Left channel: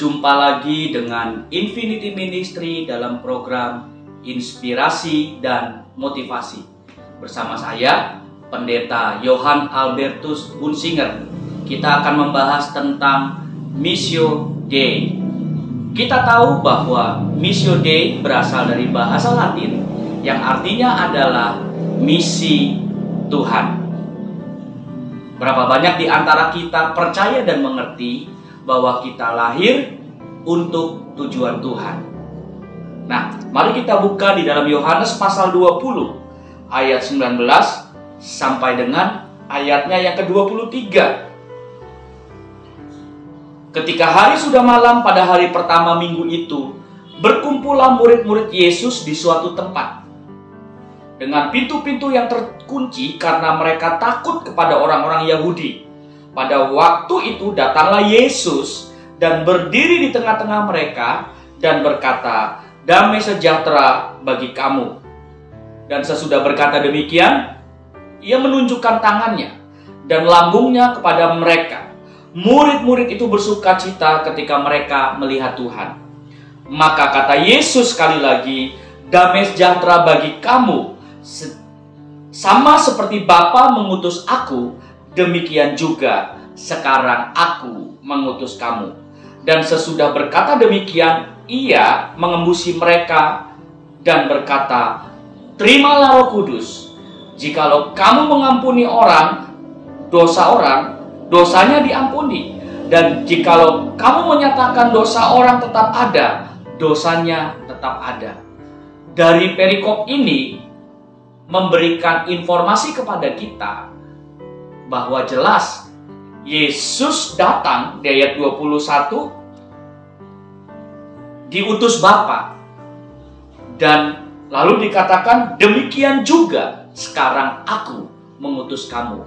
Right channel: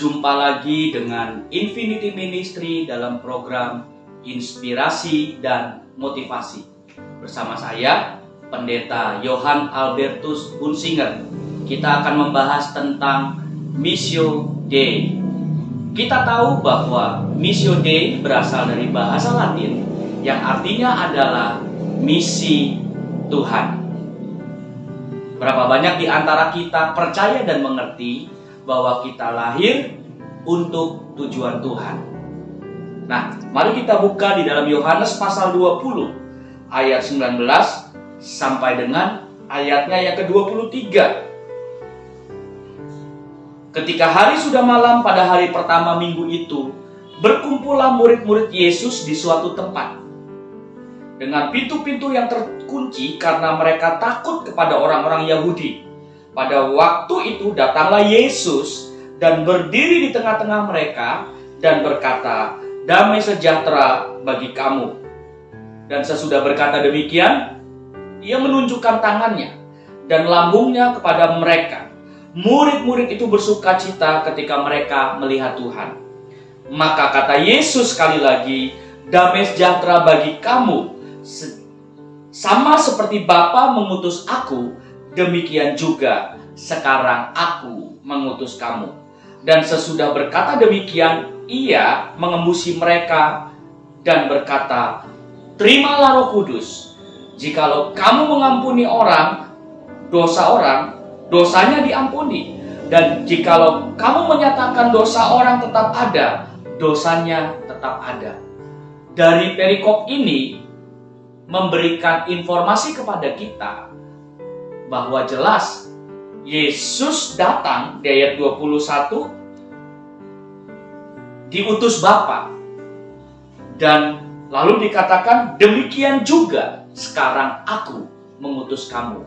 Berjumpa lagi dengan Infinity Ministry dalam program Inspirasi dan Motivasi. Bersama saya, Pendeta Johann Albertus Hunsinger. Kita akan membahas tentang Missio Dei. Kita tahu bahwa Missio Dei berasal dari bahasa Latin yang artinya adalah misi Tuhan. Berapa banyak di antara kita percaya dan mengerti bahwa kita lahir untuk tujuan Tuhan. Nah, mari kita buka di dalam Yohanes pasal 20 ayat 19 sampai dengan ayatnya yang ke-23. Ketika hari sudah malam pada hari pertama minggu itu, berkumpullah murid-murid Yesus di suatu tempat dengan pintu-pintu yang terkunci karena mereka takut kepada orang-orang Yahudi. Pada waktu itu datanglah Yesus dan berdiri di tengah-tengah mereka dan berkata, "Damai sejahtera bagi kamu." Dan sesudah berkata demikian, ia menunjukkan tangannya dan lambungnya kepada mereka. Murid-murid itu bersukacita ketika mereka melihat Tuhan. Maka kata Yesus sekali lagi, "Damai sejahtera bagi kamu. Sama seperti Bapa mengutus aku, demikian juga sekarang aku mengutus kamu." Dan sesudah berkata demikian, ia mengembusi mereka dan berkata, "Terimalah Roh Kudus. Jikalau kamu mengampuni orang, dosanya diampuni. Dan jikalau kamu menyatakan dosa orang tetap ada, dosanya tetap ada." Dari perikop ini memberikan informasi kepada kita bahwa jelas Yesus datang di ayat 21 diutus Bapa, dan lalu dikatakan demikian juga sekarang aku mengutus kamu.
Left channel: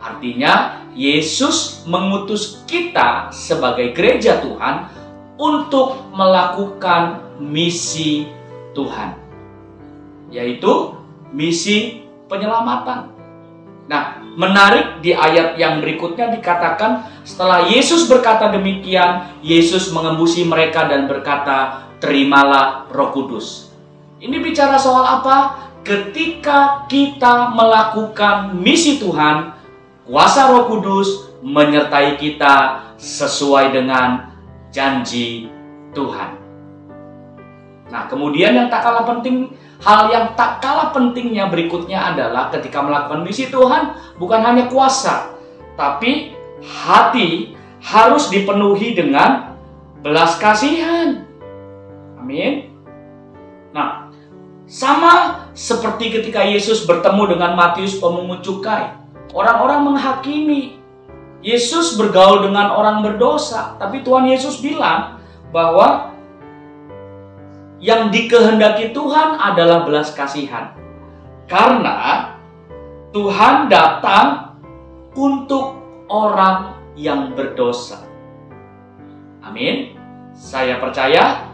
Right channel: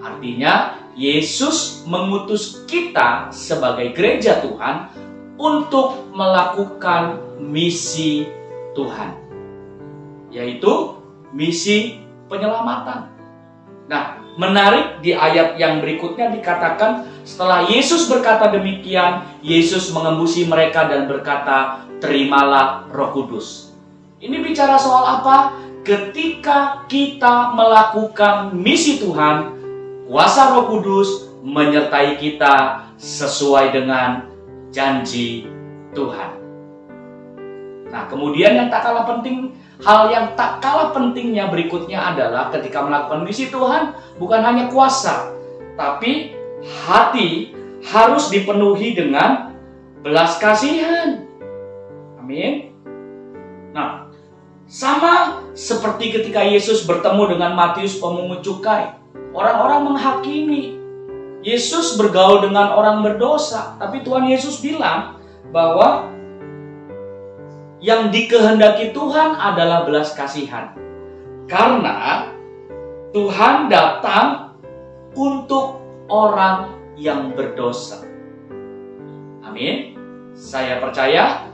Artinya Yesus mengutus kita sebagai gereja Tuhan untuk melakukan misi Tuhan, yaitu misi penyelamatan. Nah, menarik di ayat yang berikutnya dikatakan setelah Yesus berkata demikian, Yesus mengembusi mereka dan berkata, "Terimalah Roh Kudus." Ini bicara soal apa? Ketika kita melakukan misi Tuhan, kuasa Roh Kudus menyertai kita sesuai dengan janji Tuhan. Nah, kemudian hal yang tak kalah pentingnya berikutnya adalah ketika melakukan misi Tuhan, bukan hanya kuasa, tapi hati harus dipenuhi dengan belas kasihan. Amin. Nah, sama seperti ketika Yesus bertemu dengan Matius pemungut cukai, orang-orang menghakimi. Yesus bergaul dengan orang berdosa, tapi Tuhan Yesus bilang bahwa yang dikehendaki Tuhan adalah belas kasihan. Karena Tuhan datang untuk orang yang berdosa. Amin. Saya percaya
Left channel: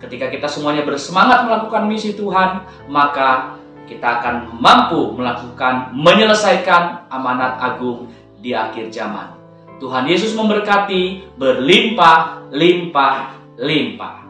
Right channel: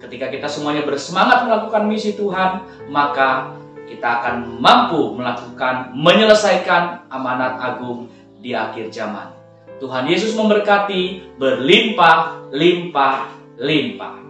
ketika kita semuanya bersemangat melakukan misi Tuhan, maka kita akan mampu menyelesaikan amanat agung di akhir zaman. Tuhan Yesus memberkati berlimpah-limpah-limpah.